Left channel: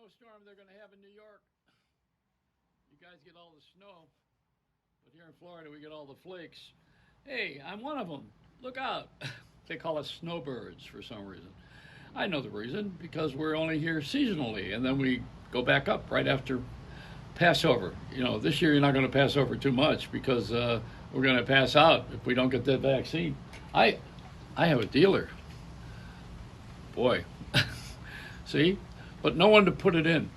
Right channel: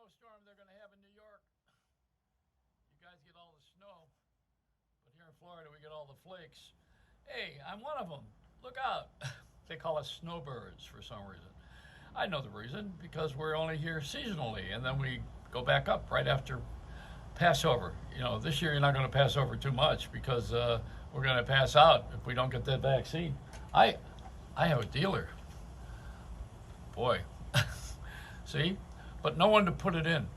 snowstorm they're going to have in New York. You guys get all the snow, but here in Florida we get all the flakes. Hey, I'm one of them. Look out. They call us snowbirds for some reason. I know the reason, because we're only here seasonally, and then we go back up right after Passover. You know, this year you're not going to pass over too much because we're going to pass out if we don't get that vaccine. I have a dealer. Boy. See? But no one to put it in.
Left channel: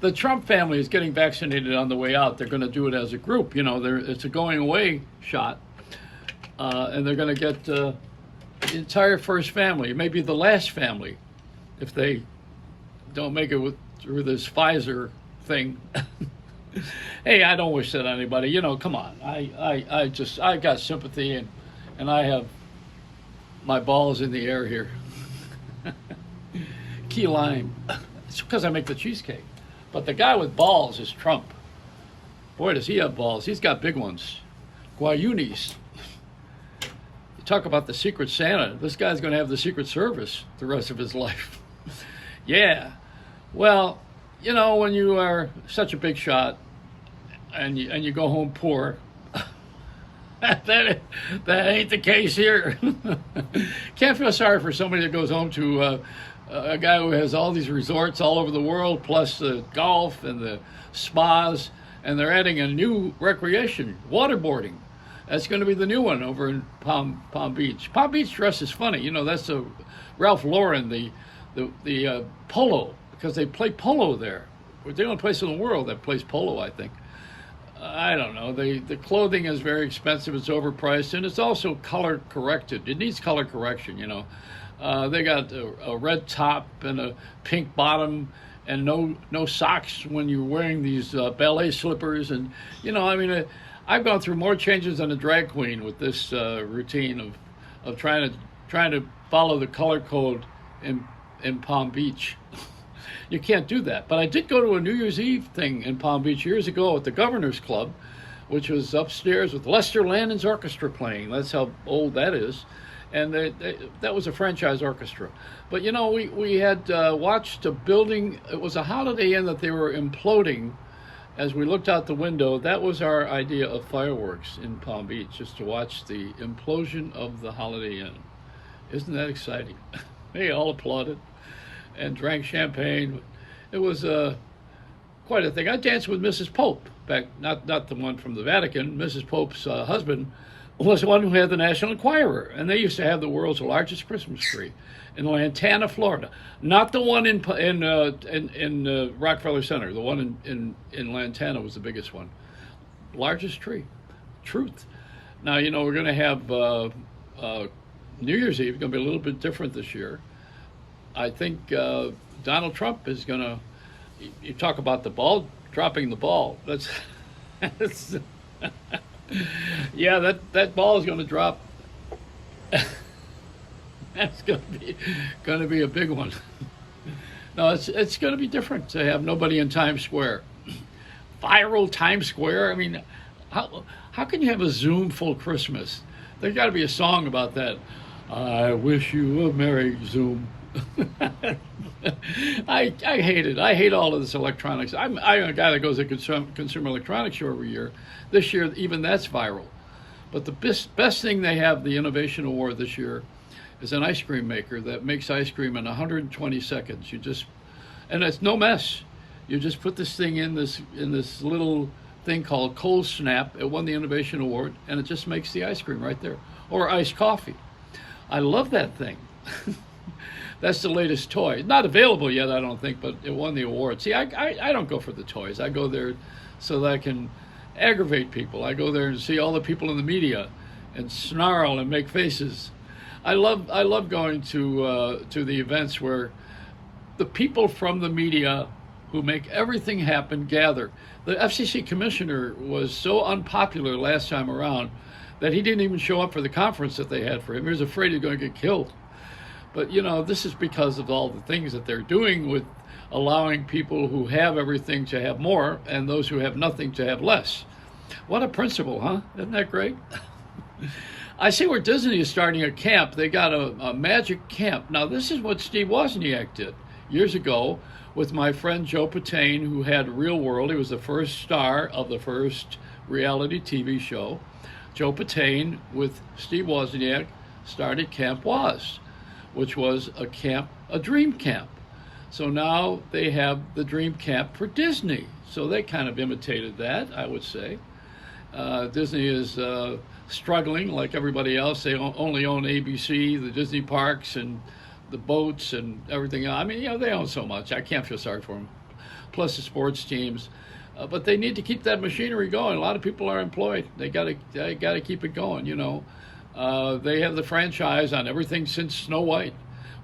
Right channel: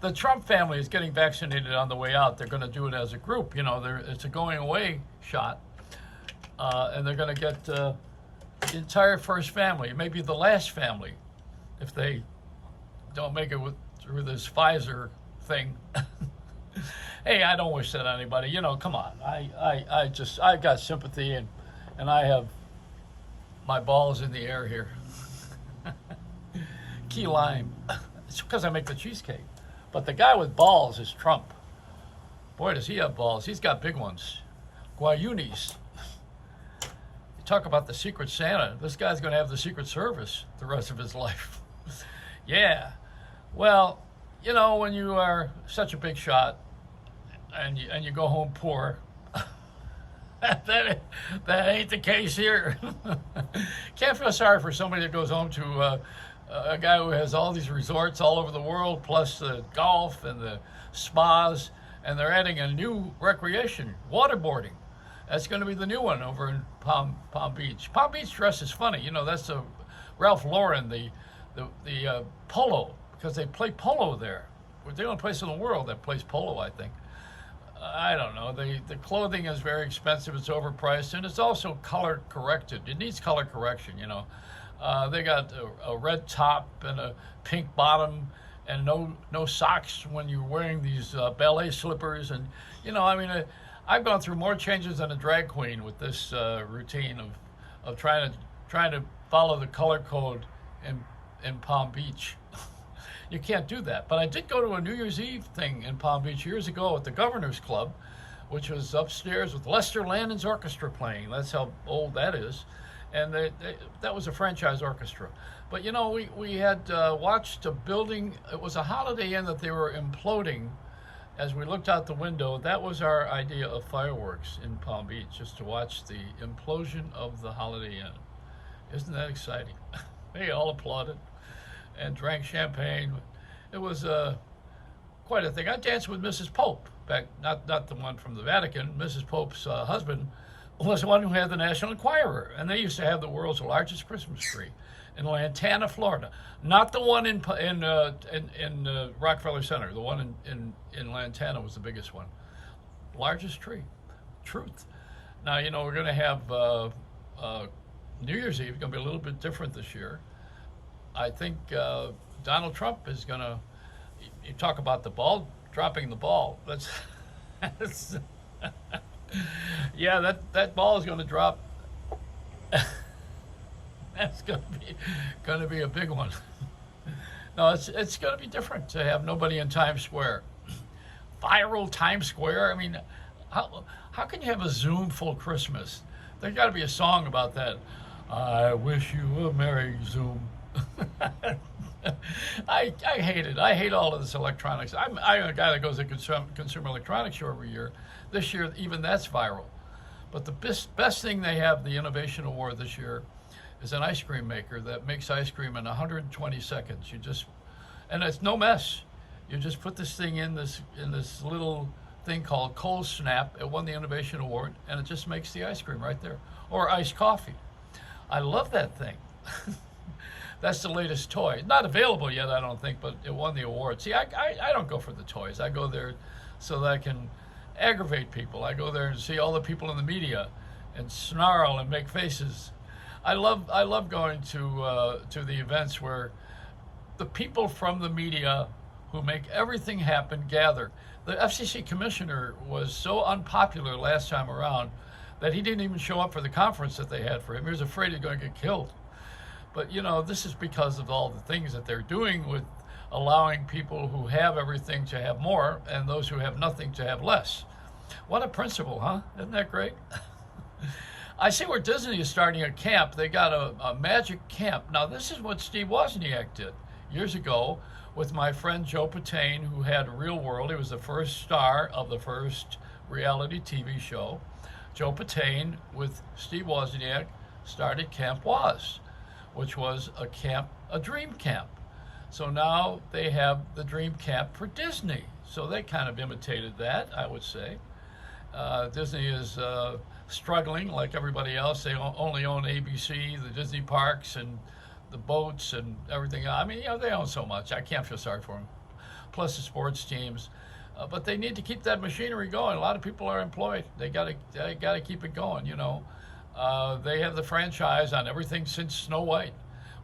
The Trump family is getting vaccinated on the way out. They're going to do it as a group. You know, it's a going away shot. And they're going to get the entire first family, maybe the last family, if they don't make it through this Pfizer thing. Hey, I don't wish that on anybody. You know, come on. I got sympathy, and I have my balls in the air here. Key lime. It's because I make the cheesecake. But the guy with balls is Trump. Boy, does he have balls. He's got big ones. Guayunis. You talk about the Secret Santa. This guy's going to have the Secret Service the rest of his life. Yeah. Well, you know, when you are such a big shot and you go home poor, that ain't the case here. Can't feel sorry for somebody that goes home to a guy who has all these resorts all over the world, plus the golf and the spas, and they're adding a new recreation, waterboarding. That's going to be the new one over in Palm Beach. Palm Beach dress is funny. You know, that's a Ralph Lauren, the polo, because they play polo there. We're the only place in the world that plays polo, I think. I don't know. The clothing is very expensive. It's overpriced, and it's also color corrected. It needs color correction, you know. They got a red top and a pink bottom, and no socks when you're wearing these ballet slippers. And you know, I mean, I've gone through more changes than a drag queen with this routine of trying to follow the color code in Palm Beach. You can't do that. But I did go to a New Year's Eve thing in Palm Beach years ago at the Governor's Club, which was upstairs with Lester Landon's orchestra playing. That's how old that is. And that was a franchise orchestra. But, you know, we had watched a building. It was a Holiday Inn that they were imploding. As we looked out the window, that was our idea of fireworks in Palm Beach, just to watch the implosion of the Holiday Inn. Isn't that exciting? They all applauded and drank champagne. It was quite a thing. I danced with Mrs. Pope back, not the one from the Vatican. Mrs. Pope's husband was the one who had the National Enquirer, and they used to have the world's largest Christmas tree in Lantana, Florida. Not the one in Rockefeller Center. The one in Lantana was the biggest one. Largest tree. Truth. Now, you know, we're going to have New Year's Eve. It's going to be a little bit different this year. I think Donald Trump is going to, you talk about the ball, dropping the ball. That's yeah, that ball is going to drop. That's going to be a big one. No, it's going to be different to have nobody in Times Square. Viral Times Square. I mean, how can you have a Zoom full Christmas? There's got to be a song about that. I wish you a Merry Zoom. I hate it. I hate all of this electronics. I'm a guy that goes to Consumer Electronics Show every year. This year, even that's viral. But the best thing they have, the Innovation Award this year, is an ice cream maker that makes ice cream in 120 seconds. And it's no mess. You just put this thing in this little thing called Cold Snap. It won the Innovation Award, and it just makes the ice cream right there. Or iced coffee. I love that thing. That's the latest toy. Not available yet, I don't think, but it won the award. See, I don't go for the toys. I go there so that I can aggravate people. I go there and see all the people in the media and snarl and make faces. I love going to the events where the people from the media who make everything happen gather. The FCC commissioner was so unpopular last time around that he didn't even show up for the conference that they had for him. He was afraid he was going to get killed. But, you know, this is because of all the things that they're doing with allowing people who have everything to have more and those who have nothing to have less. What a principle, huh? Isn't that great? I see where Disney is starting a camp. They got a magic camp. Now, this is what Steve Wozniak did. years ago with my friend Joe Patain, who had Real World. He was the first star of the first reality TV show. Joe Patain with Steve Wozniak started Camp Woz, which was a dream camp. So now they have the dream camp for Disney. So they kind of imitated that, I would say. Disney is struggling like everybody else. They only own ABC, the Disney parks, and the boats and everything else. I mean, they own so much. I can't feel sorry for them. Plus the sports teams. But they need to keep that machinery going. A lot of people are employed. They gotta keep it going, They have the franchise on everything since Snow White,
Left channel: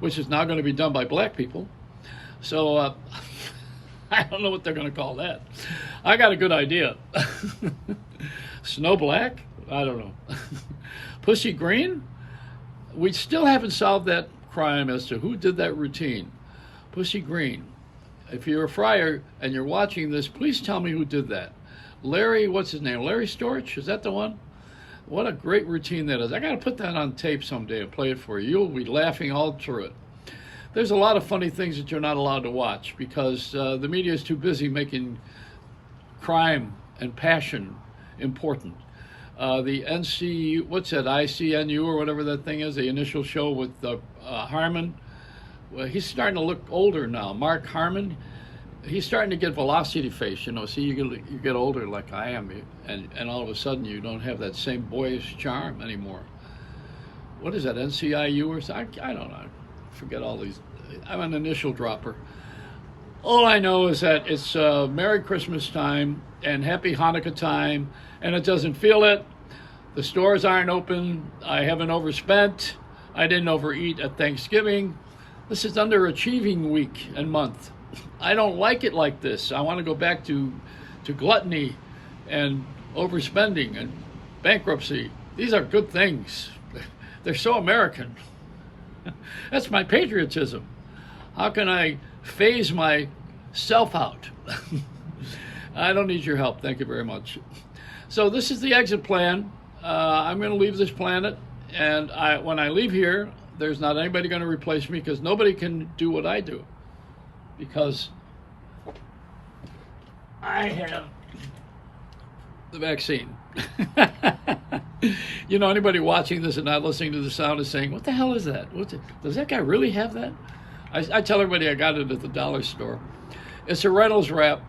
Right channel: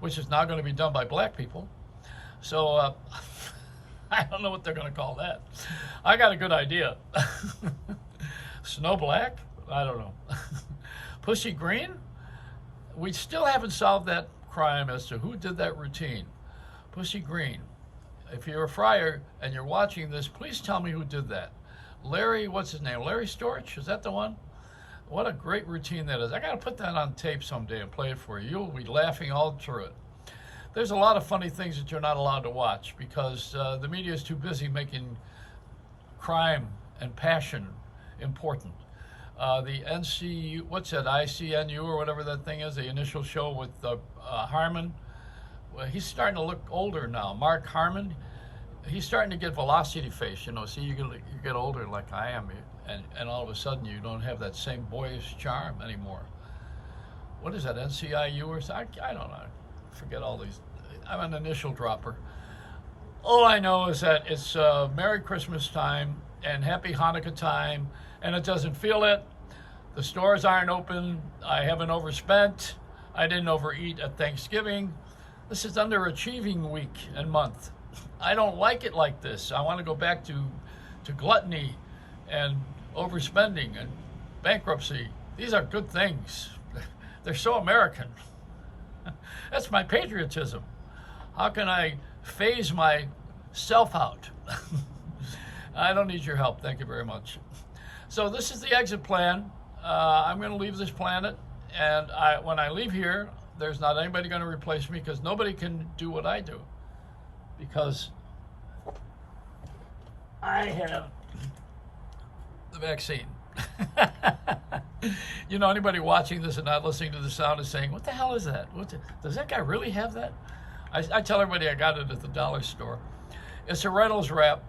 which is now going to be done by black people. So I don't know what they're going to call that. I got a good idea. Snow Black? I don't know. Pussy Green? We still haven't solved that crime as to who did that routine. Pussy Green. If you're a friar and you're watching this, please tell me who did that. Larry, what's his name? Larry Storch? Is that the one? What a great routine that is. I got to put that on tape someday and play it for you. You'll be laughing all through it. There's a lot of funny things that you're not allowed to watch because the media is too busy making crime and passion important. The what's that, ICNU or whatever that thing is, the initial show with Harmon. Well, he's starting to look older now. Mark Harmon, he's starting to get velocity face. See, you get older like I am, and all of a sudden you don't have that same boyish charm anymore. What is that, NCIU or something? I don't know. Forget all these. I'm an initial dropper. All I know is that it's Merry Christmas time and Happy Hanukkah time, and it doesn't feel it. The stores aren't open. I haven't overspent. I didn't overeat at Thanksgiving. This is underachieving week and month. I don't like it like this. I want to go back to gluttony and overspending and bankruptcy. These are good things. They're so American. That's my patriotism. How can I phase myself out? I don't need your help. Thank you very much. So this is the exit plan. I'm going to leave this planet, and when I leave here, there's not anybody going to replace me because nobody can do what I do because I have the vaccine. Anybody watching this and not listening to the sound is saying, what the hell is that? Does that guy really have that? I tell everybody I got it at the dollar store. It's a Reynolds wrap.